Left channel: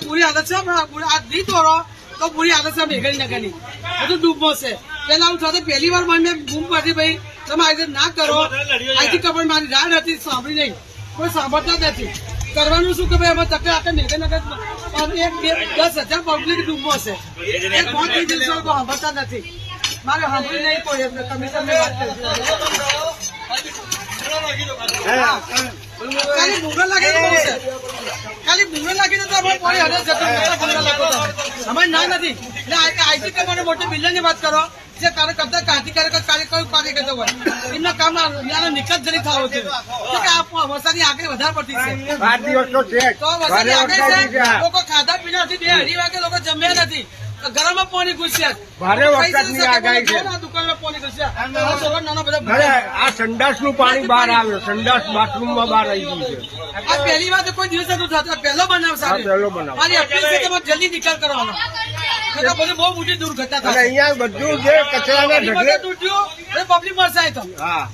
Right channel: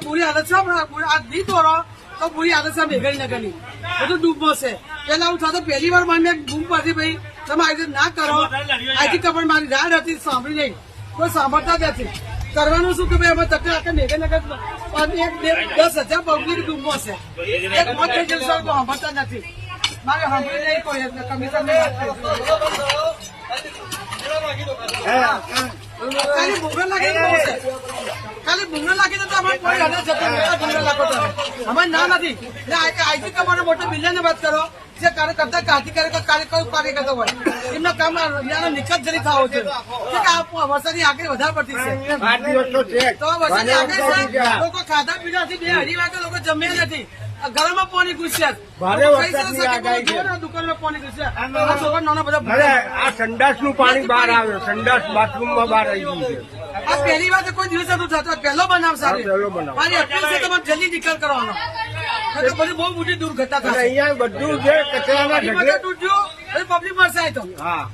બુરી હાલત છે આ નહીં તોડો તો બુરી આદત છે મેઘાણીનગરની. બધું ડૂબો છે પેલા હું થતો પહેલી વાર મને બૂમ પાડી ભાઈ તમે આ રીતે ના કરો અહીંથી ખબર મારી રાડ હતી સાંભળી નહીં કોઈ સાંભળતા જ નથી કરવાનું શું કે ભાઈ અમે તકે આખે મેઘાનગર દસ હજાર પબ્લિક ડૂબો છે એક મોત થઈ જશે તો સાંભળતા નથી મારે સાંભળી નહીં કોઈ કમિશનને વાત કરી. ખાલી બુમરો નાખી લાગીને તો અમારે ભૂંગળ લાગો તમે? અમારે ના નથી. એટલે આઈટી કંપનીનો મોટો બિલ્ડરની વાત કરો જે કાર્ય કરતા કાંતિ કાર્ય કાર્ય કયું કાર્ય કરતા હોય. એમનો કામ ત્યાંનો નિકાસ જરી થવો છે. કે આ વરસાદની આગળ વધારે પડતી છે. તો વરસાદની આગળ છે. લોકો ખાધા પીધા નથી બે અઢી વાગે લોકો જમ્યા નથી. ગરમમાં પાણી ઘૂસ્યા ભારે વરસાદની આગાહી છે. જુઓ ને આ દુકાનમાં પાણી ઘૂસ્યા. આ બધા આ સંડાસનું પાણી બહાર આવ્યું સંડાસ બાથરૂમમાં બહાર આવી ગયું છે. આ પહેલી વાત કોઈ દિવસ નતું થતું પહેલો બનાવ સાહેબ. પહેલો બનાવ. મારી અપીલ છે તમારે જલ્દી નિકાલ કરવાનો. બધી બહુ મોટી દુર્ઘટના અને થશે. અહીંયા બધું જે કચરાના પબ્લિક ઢગલે તૂટ્યું, પબ્લિક મળશે તો. હા.